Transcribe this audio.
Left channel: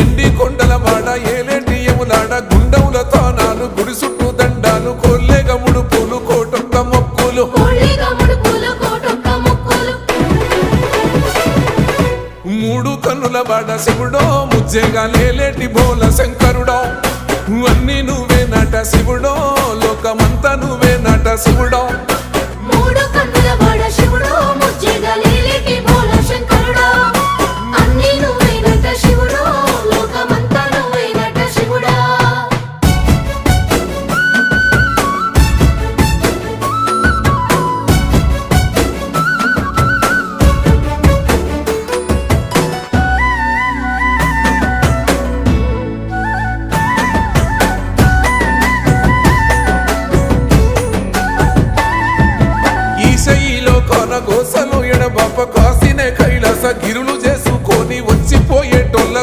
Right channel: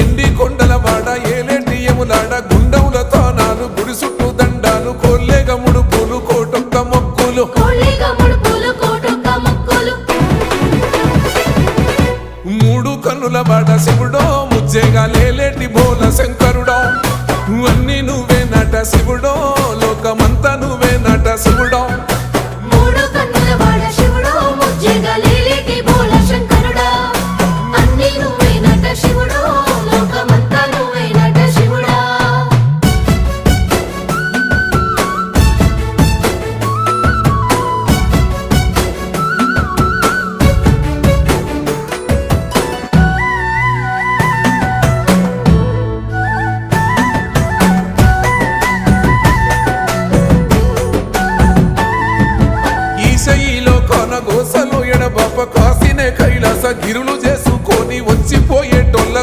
ఎండి కొండలవాడ ఏలేటి యములాడ గుండముల తానాలు గుడి చుట్టూ దండాలు కొల్లేగ ముడుపులు కోటొక్క మొక్కులు మూడు కన్నుల వాడ శివుడో ముజ్జేగా లేలేటి బోల శంకరుడో అన్నీ నువ్వే నట శివుడో లోకమంతా నువ్వే నట శివుడో ఈశయిలో కొన గోసలు ఎడబాప కాసినే కైలాస గిరులు చేసుకొని వచ్చిపోయేటోళ్ళ